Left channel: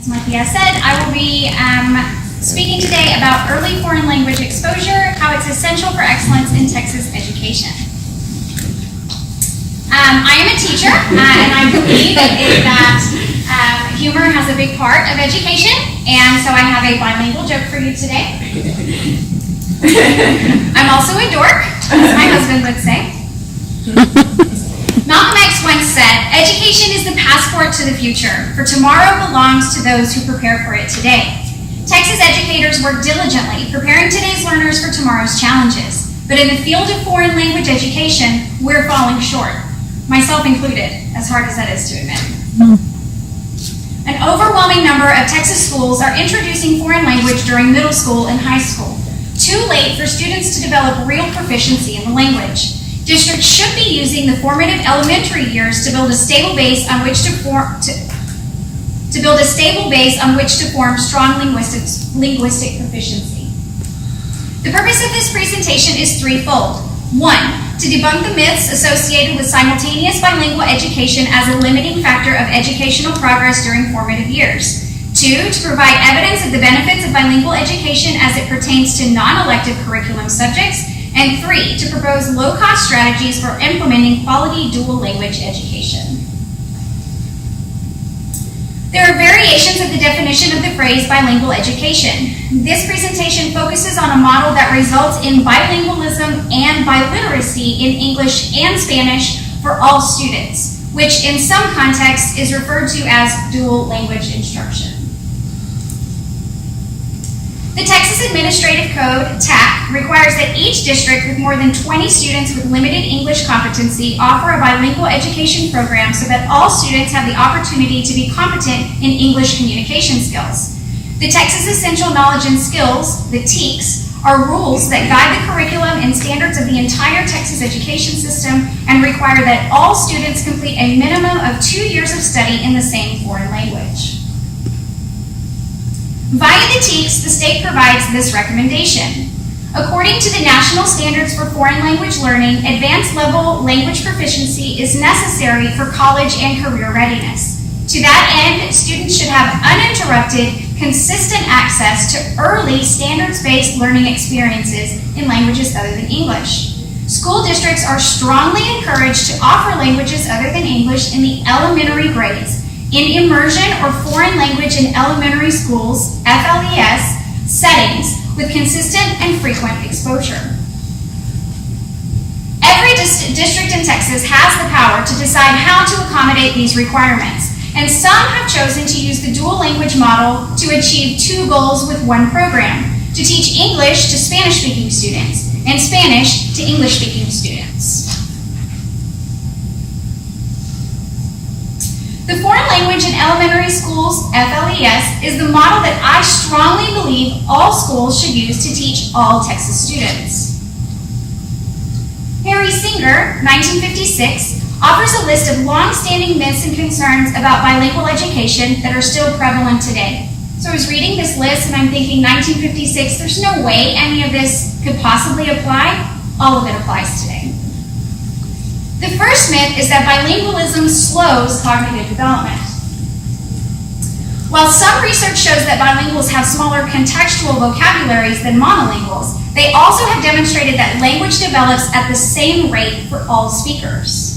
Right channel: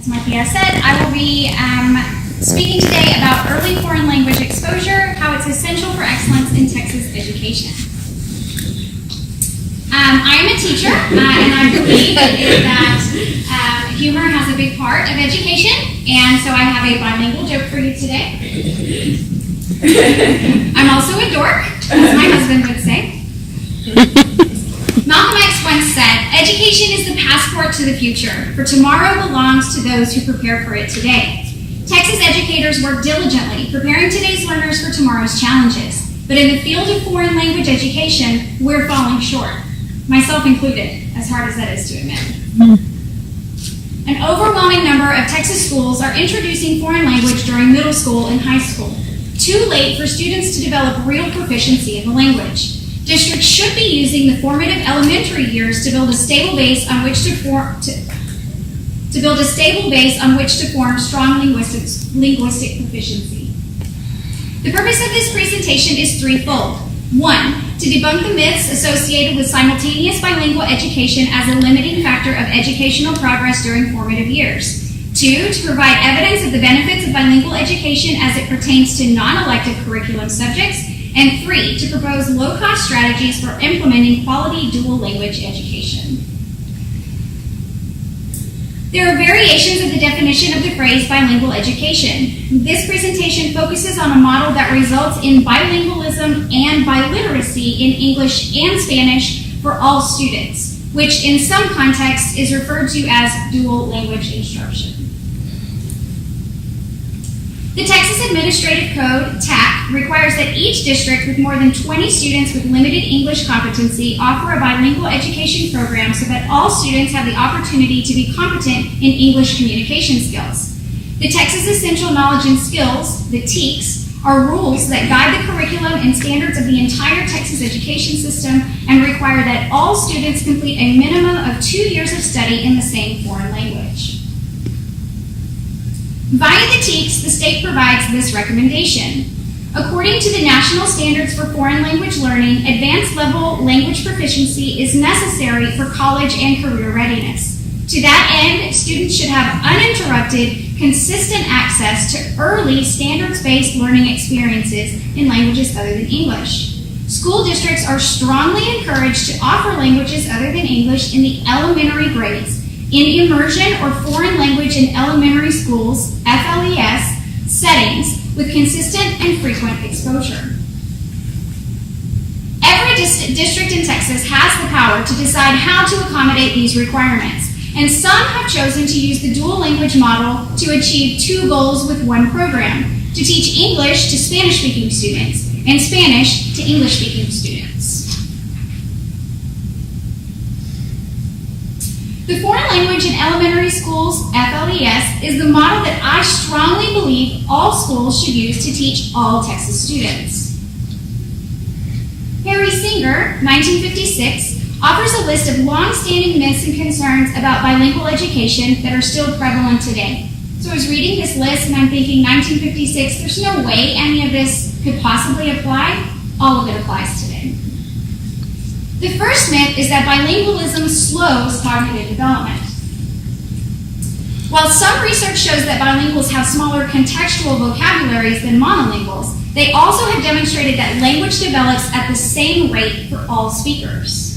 As Marcia said, I will be speaking today about early foreign language exposure, how it's essential for excellence in Texas education. I am a teacher, and I believe that humor has a big part of education, and so I have a bilingual joke for you today. I'm also a dork, as my husband would say. Malcolm X once said, "Education is the passport to the future, for tomorrow belongs to those who prepare for it today." Texas educators work diligently, preparing today's learners for tomorrow's challenges. But in the field of foreign language education, we're falling short, myself included, as hard as that is to admit. An overwhelming number of Texas schools are introducing foreign language during middle school and high school, too late for students to develop real proficiency in the language. Districts should be using the formative elementary years to build a stable base on which to form strong linguistic proficiency. The purpose of this presentation is threefold. One, to debunk the myths associated with simultaneous bilingual education as a limiting factor of educational progress during formative years. Two, to provide evidence of the benefits of bilingual education as it pertains to non-elective curriculum subjects. And three, to propose low-cost strategies for implementing quality dual language education. There are variations of the definition of the phrase bilingual education. This presentation focuses on a model that results in bilingualism and biliteracy in English and Spanish for all students, which in some contexts is referred to as dual language instruction. The Texas Administrative Code, TAC, requires that each district with more than 20 students with limited English competency offer a bilingual education program so that all students have the opportunity to be competent in English communication skills. The Texas Essential Knowledge and Skills, the TEKS, are rules that guide the curriculum and standards of the entire Texas education system and require that all students complete a minimum of 2 years of study in the same foreign language. Via the TEKS, the state provides this recommendation. According to the National Standards for Foreign Language Learning, advanced level language proficiency is necessary for college and career readiness. To that end, students should have uninterrupted, consistent access to early standards-based learning experiences in languages other than English. School districts are strongly encouraged to offer languages other than English in the elementary grades, in immersion or foreign language in elementary schools, FLES, settings with consistent and frequent exposure. Every district in Texas has the power to decide how to accommodate these requirements, and some have chosen to use the dual language model to achieve two goals with one program: to teach English to Spanish-speaking students and Spanish to English-speaking students. The Foreign Language in Elementary Schools, FLES, is the model that I strongly believe all schools should use to teach all Texas students. Harry Singer, 1956, offers a list of long-standing myths and concerns about bilingual education that are still prevalent today. So I was reading this list and I'm thinking 1956, there's no way any of this could possibly apply. All of it applies today. The first myth is that bilingualism slows cognitive development. While some research shows that bilinguals have smaller contextual vocabularies than monolinguals, they also have demonstrated that language develops at the same rate for all speakers.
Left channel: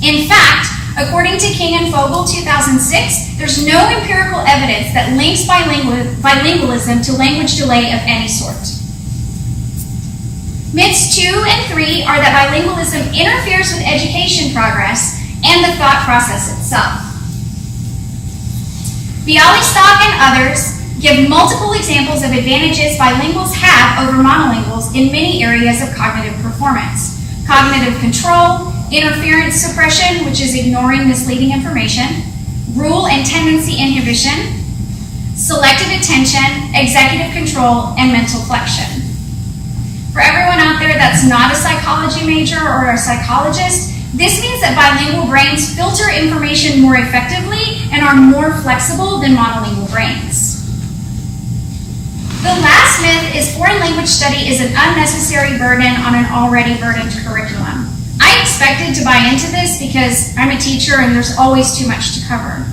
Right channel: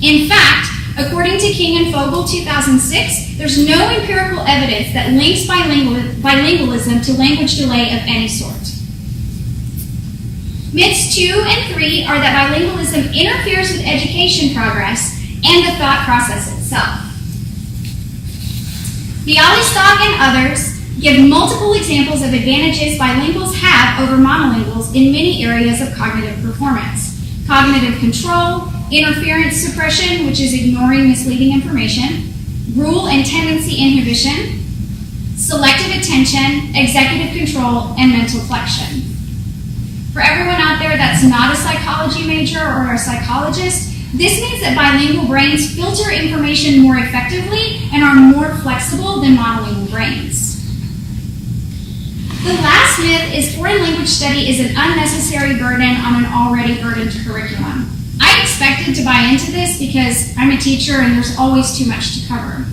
In fact, according to King and Fogel 2006, there's no empirical evidence that links bilingualism to language delay of any sort. Myths 2 and 3 are that bilingualism interferes with education progress and the thought process itself. Bialystok and others give multiple examples of advantages bilinguals have over monolinguals in many areas of cognitive performance: cognitive control, interference suppression, which is ignoring misleading information, rule and tendency inhibition, selective attention, executive control, and mental flexion. For everyone out there that's not a psychology major or a psychologist, this means that bilingual brains filter information more effectively and are more flexible than monolingual brains. The last myth is foreign language study is an unnecessary burden on an already burdened curriculum. I expected to buy into this because I'm a teacher and there's always too much to cover.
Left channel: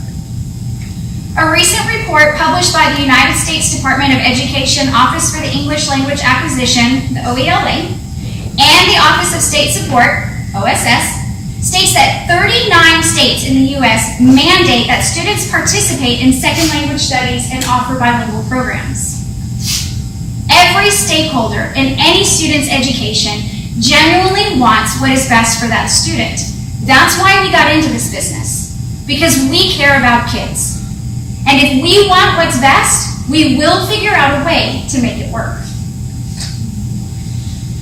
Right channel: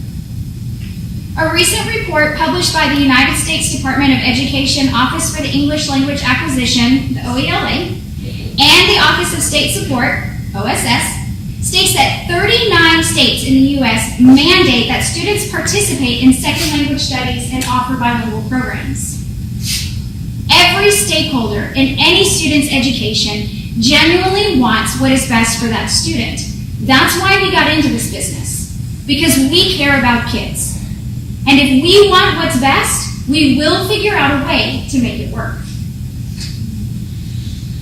A recent report published by the United States Department of Education Office for the English Language Acquisition, the OELA, and the Office of State Support, OSS, states that 39 states in the U.S. mandate that students participate in second language studies and offer bilingual programs. Every stakeholder in any student's education genuinely wants what is best for that student. That's why we got into this business, because we care about kids. And if we want what's best, we will figure out a way to make it work.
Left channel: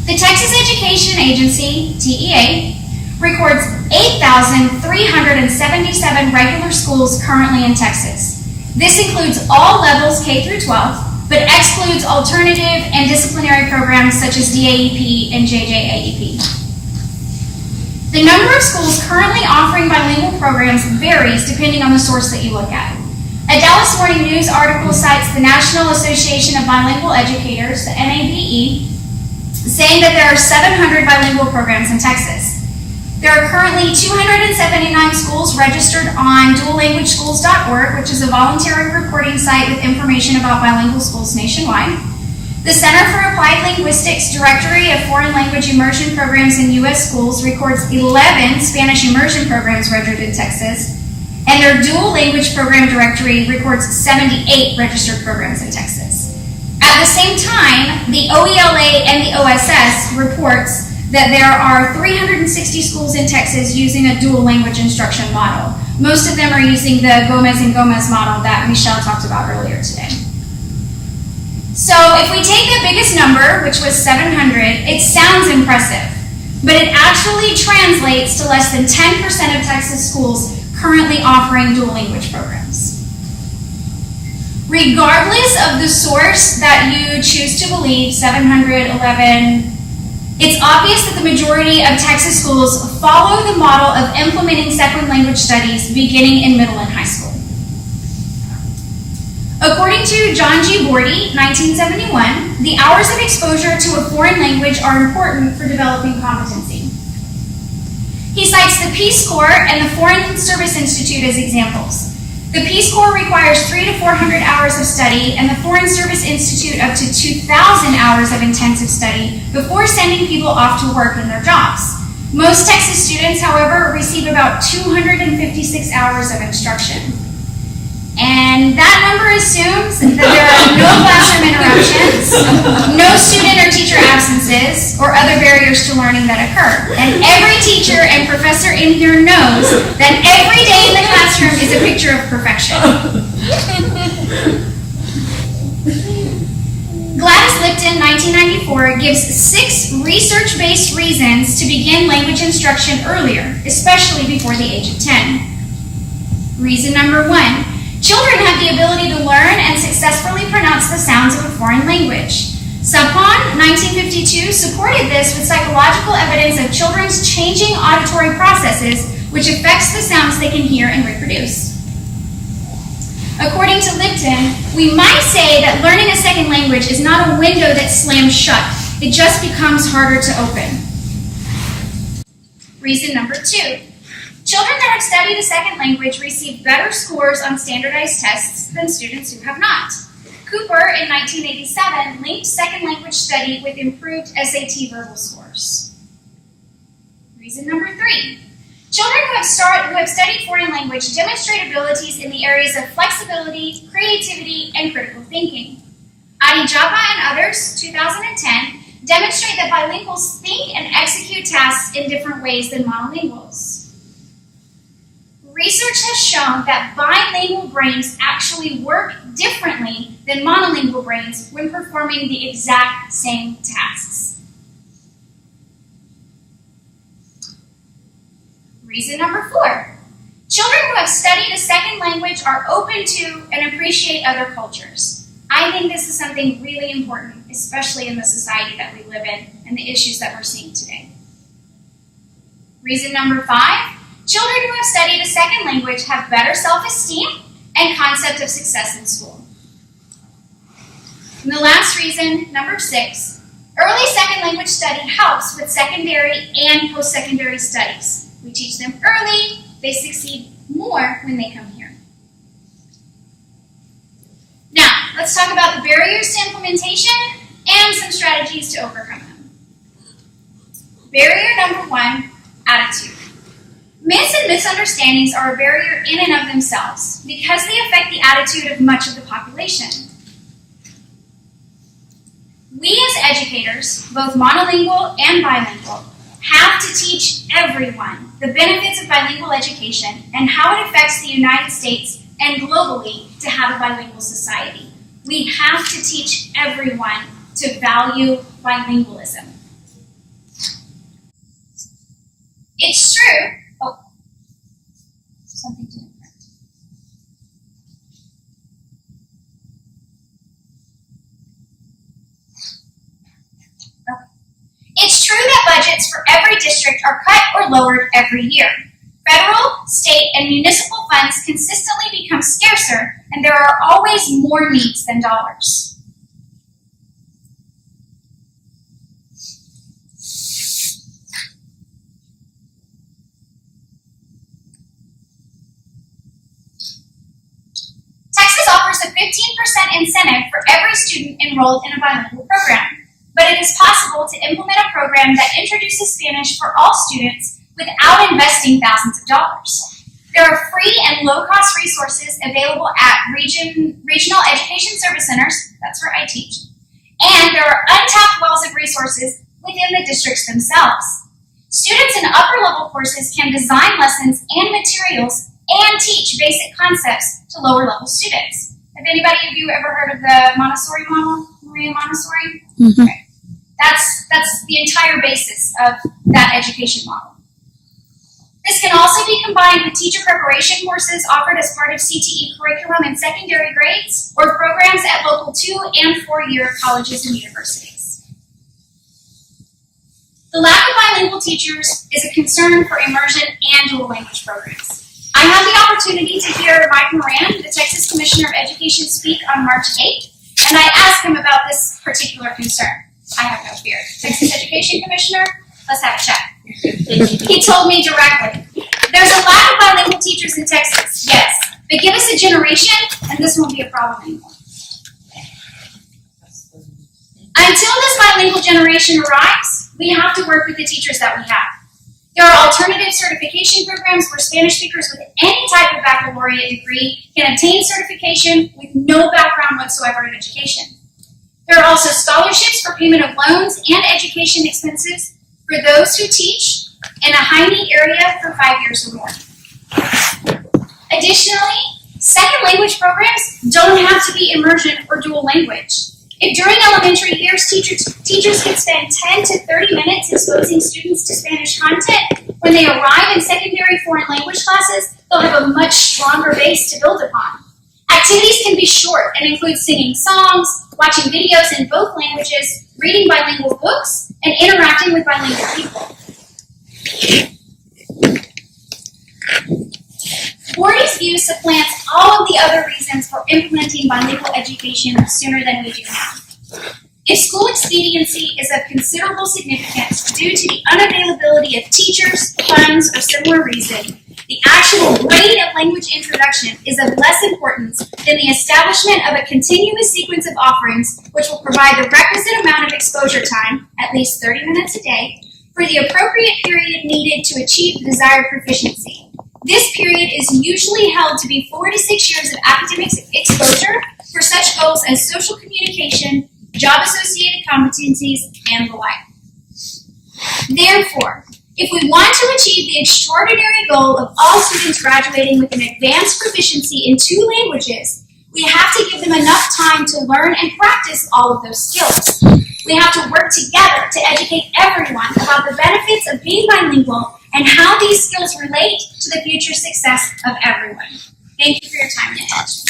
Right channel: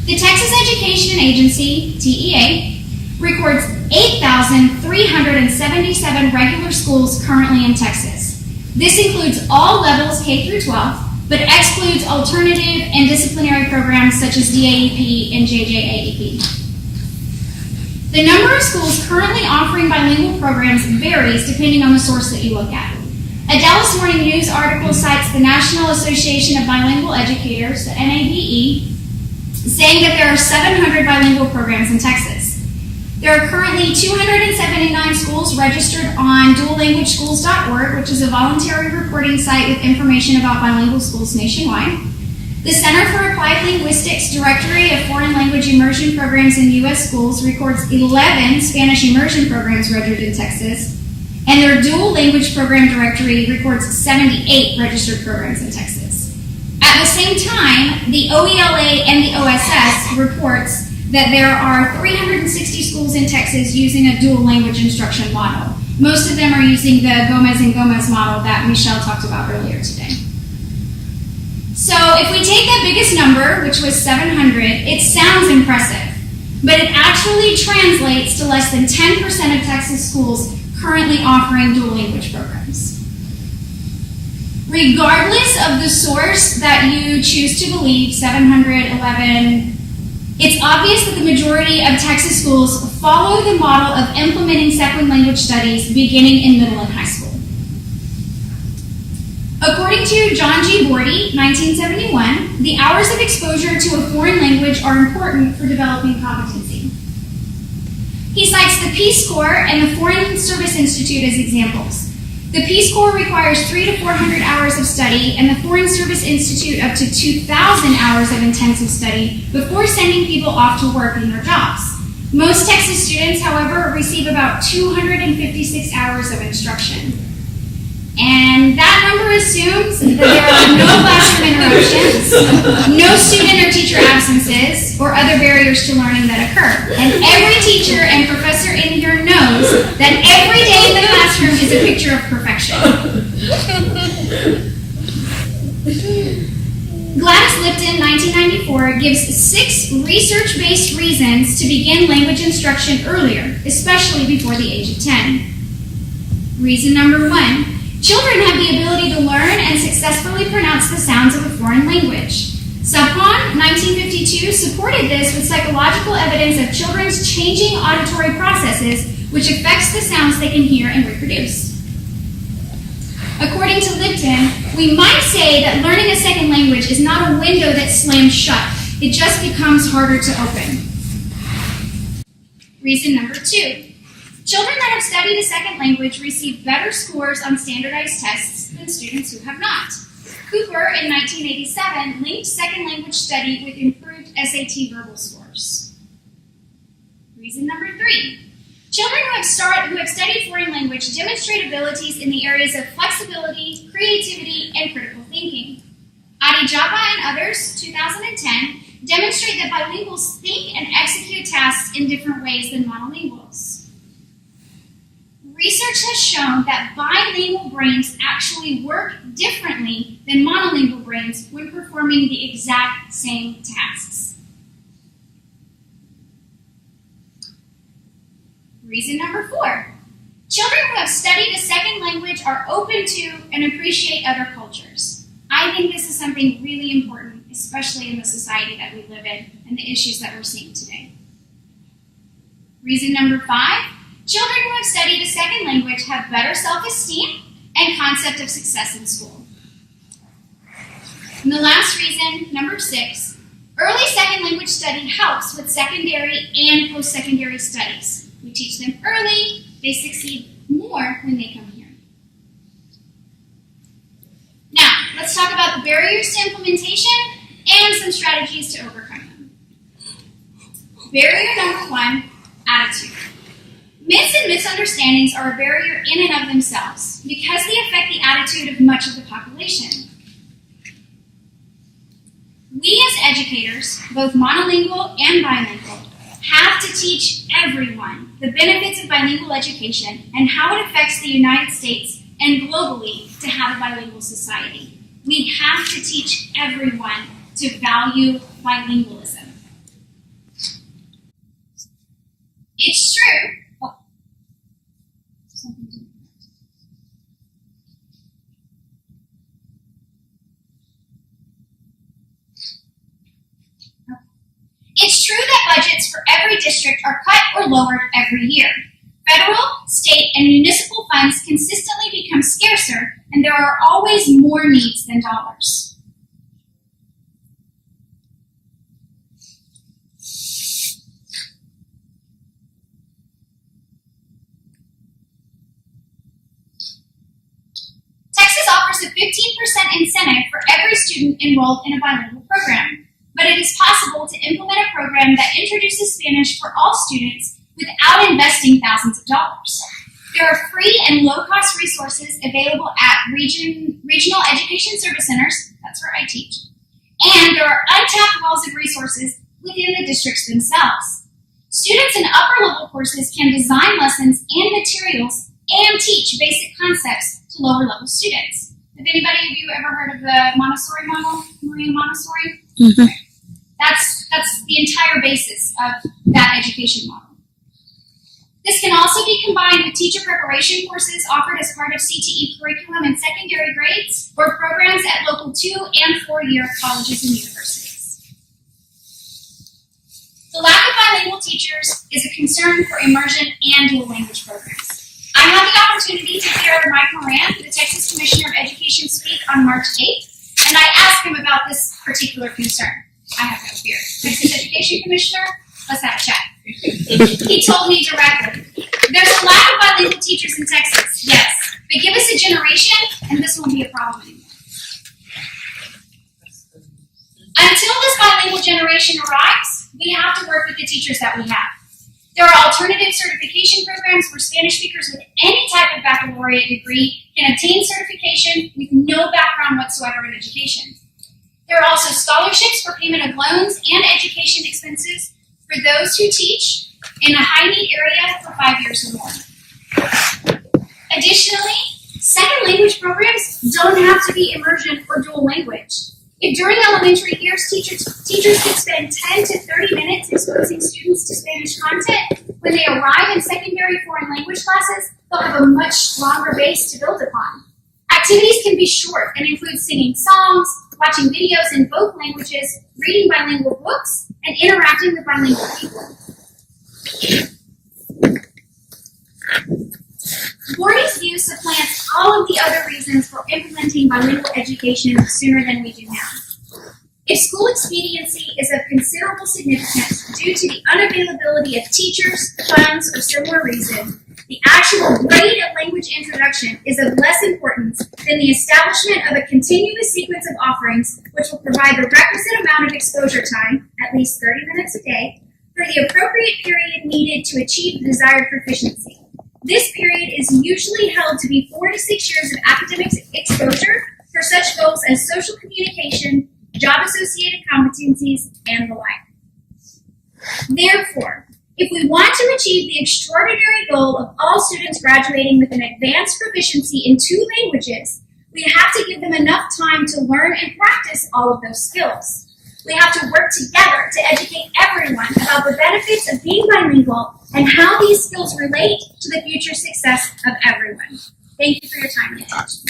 The Texas Education Agency, TEA, records 8,377 regular schools currently in Texas. This includes all levels K through 12, but excludes alternative and disciplinary programs such as DAEP and JJAEP. The number of schools currently offering bilingual programs varies depending on the source that you look at. A Dallas Morning News article cites the National Association of Bilingual Educators, the NABE, saying that there are 700 bilingual programs in Texas. There are currently 279 schools registered on duallanguageschools.org, which is a voluntary reporting site with information about bilingual schools nationwide. The Center for Applied Linguistics Directory of Foreign Language Immersion Programs in U.S. Schools records 11 Spanish immersion programs registered in Texas, and their Dual Language Program Directory records 78 registered programs in Texas. At the same time, the OELA and the OSS reports that there are 360 schools in Texas using a dual language instruction model. Most of them are using the Gomez and Gomez model that Michelle talked about earlier today. So if we take the biggest number, which was 700, it sounds impressive, but it actually translates to less than 10% of Texas schools currently offering dual language programs. Regardless of the source that you choose to believe, 711, it's obvious that the majority of Texas schools follow the model of implementing second language studies beginning in middle and high school. According to John G. Bordy, 1971, the hours of exposure to a foreign language are important for developing competency. He cites the Peace Corps and the Foreign Service Institute as examples. The Peace Corps requires 300 to 400 hours of study, and the Foreign Service Institute up to 2,000 hours of intensive study before sending people off to work in their jobs. Most Texas students, however, receive about 256 hours of instruction. And that number assumes that there are no classroom interruptions, no student or teacher absences, or other barriers to learning that occur. And every teacher and professor in here knows that every day in the classroom is a picture of perfection. Gladys Lipton, 1994, gives 6 research-based reasons to begin language instruction earlier, especially before the age of 10. Reason number 1. Children have the ability to learn and successfully pronounce the sounds of a foreign language. Sapon, 1952, supported this with psychological evidence of children's changing auditory processes, which affects the sounds they can hear and reproduce. According to Lipton, we might say that learning a second language is not a window that slams shut. It just becomes harder to open. Reason number 2. Children that have studied a second language receive better scores on standardized tests than students who have not. Cooper, in 1987, linked second language study with improved SAT verbal scores. Reason number 3. Children who have studied foreign language demonstrate abilities in the areas of flexibility, creativity, and critical thinking. Adi Japa and others, 2010, demonstrate that bilinguals think and execute tasks in different ways than monolinguals. Research has shown that bilingual brains actually work differently than monolingual brains when performing the exact same tasks. Reason number 4. Children who have studied a second language are open to and appreciate other cultures. I think this is something really important, especially in the society that we live in and the issues that we're seeing today. Reason number 5. Children who have studied a second language have better self-esteem and concept of success in school. And the last reason, number 6, early second language study helps with secondary and post-secondary studies. We teach them early, they succeed more when they come here. let's talk about the barriers to implementation and some strategies to overcome them. Barrier number 1, attitude. Myths and misunderstandings are a barrier in and of themselves because they affect the attitude of much of the population. We as educators, both monolingual and bilingual, have to teach everyone the benefits of bilingual education and how it affects the United States and globally to have a bilingual society. We have to teach everyone to value bilingualism. It's true. Oh, something didn't print. Okay. It's true that budgets for every district are cut or lowered every year. Federal, state, and municipal funds consistently become scarcer, and there are always more needs than dollars. Texas offers a 15% incentive for every student enrolled in a bilingual program, but it is possible to implement a program that introduces Spanish for all students without investing thousands of dollars. There are free and low-cost resources available at regional education service centers, that's where I teach, and there are untapped wells of resources within the districts themselves. Students in upper-level courses can design lessons and materials and teach basic concepts to lower-level students. Have anybody of you ever heard of the Montessori model, Maria Montessori? Mm-hmm. Okay. That's the entire basis of that education model. This can also be combined with teacher preparation courses offered as part of CTE curriculum in secondary grades or programs at local 2- and 4-year colleges and universities. The lack of bilingual teachers is a concern for immersion and dual language programs. I had the opportunity to hear Mike Moran, the Texas Commissioner of Education, speak on March 8th, and I asked him about this particular concern. I have no fear. Texas Education Commissioner, let's have a chat. He told me directly, there's a lack of bilingual teachers in Texas, yes, but give us a generation and this won't be a problem anymore. Until this bilingual generation arrives, we have to work with the teachers that we have. There are alternative certification programs where Spanish speakers with any type of baccalaureate degree can obtain certification with no background whatsoever in education. There are also scholarships for payment of loans and education expenses for those who teach in a high-need area for 5 years or more. Additionally, second language programs don't have to be immersion or dual language. If during elementary years teachers could spend 10 to 30 minutes exposing students to Spanish content, when they arrive in secondary foreign language classes, they'll have a much stronger base to build upon. Activities can be short and include singing songs, watching videos in both languages, reading bilingual books, and interacting with bilingual people. Gordy's view supplants all of the other reasons for implementing bilingual education sooner than we do now. If school expediency is of considerable significance due to the unavailability of teachers, funds, or similar reason, the actual rate of language introduction is of less importance than the establishment of a continuous sequence of offerings which will provide the requisite amount of exposure time, at least 30 minutes a day, for the appropriate period needed to achieve the desired proficiency. This period is usually held to be 4 to 6 years of academic exposure for such goals as social communication, job-associated competencies, and the like. Therefore, if we want to achieve the extraordinary goal of all students graduating with an advanced proficiency in 2 languages, we have to give them enough time to learn and practice all of those skills. We have to work together to educate everyone about the benefits of being bilingual and how these skills relate to the future success of everyone. Thank you for your time and attention.